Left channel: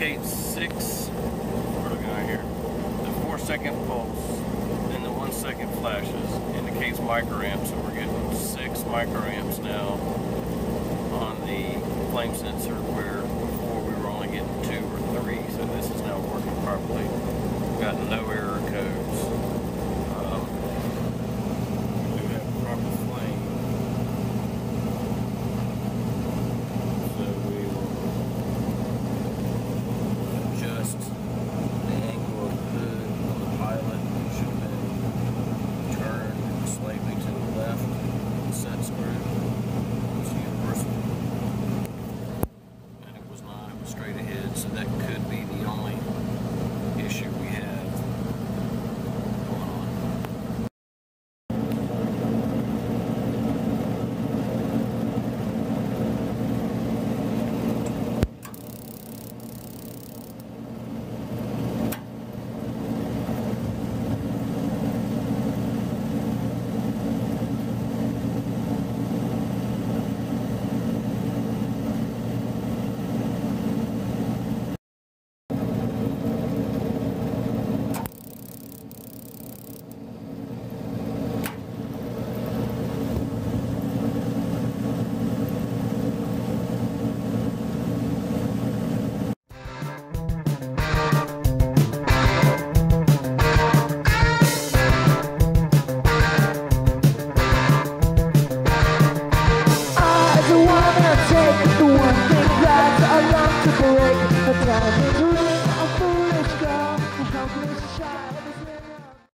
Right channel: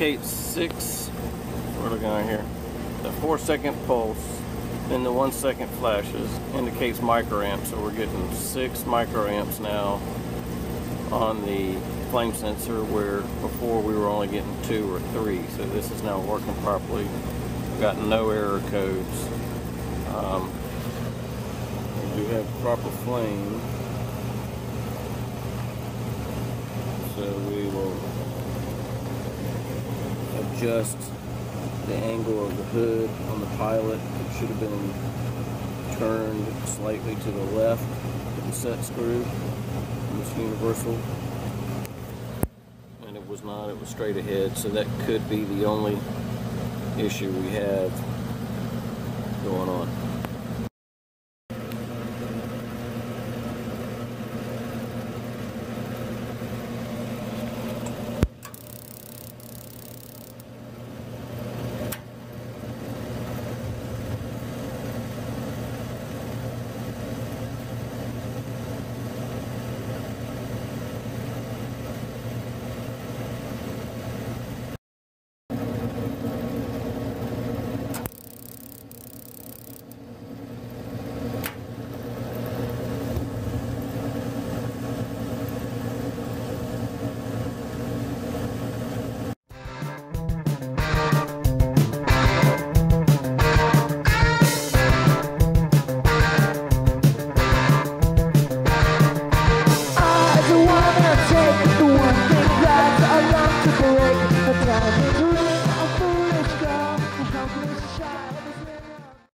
indicates 6, we're looking right here, the 4-second pulse and the 1-second flashes indicates microamps, so we're getting 6 microamps now on the flame sensor, where before we were only getting 2 or 3, so this is now working properly. Got no error codes. We do have proper flame, so we will adjust the angle of the hood on the pilot. It should have been turned slightly to the left of the set screw on this universal, and it was not, it was straight ahead, so that could be the only issue we have going on. Take the one thing that I long to break.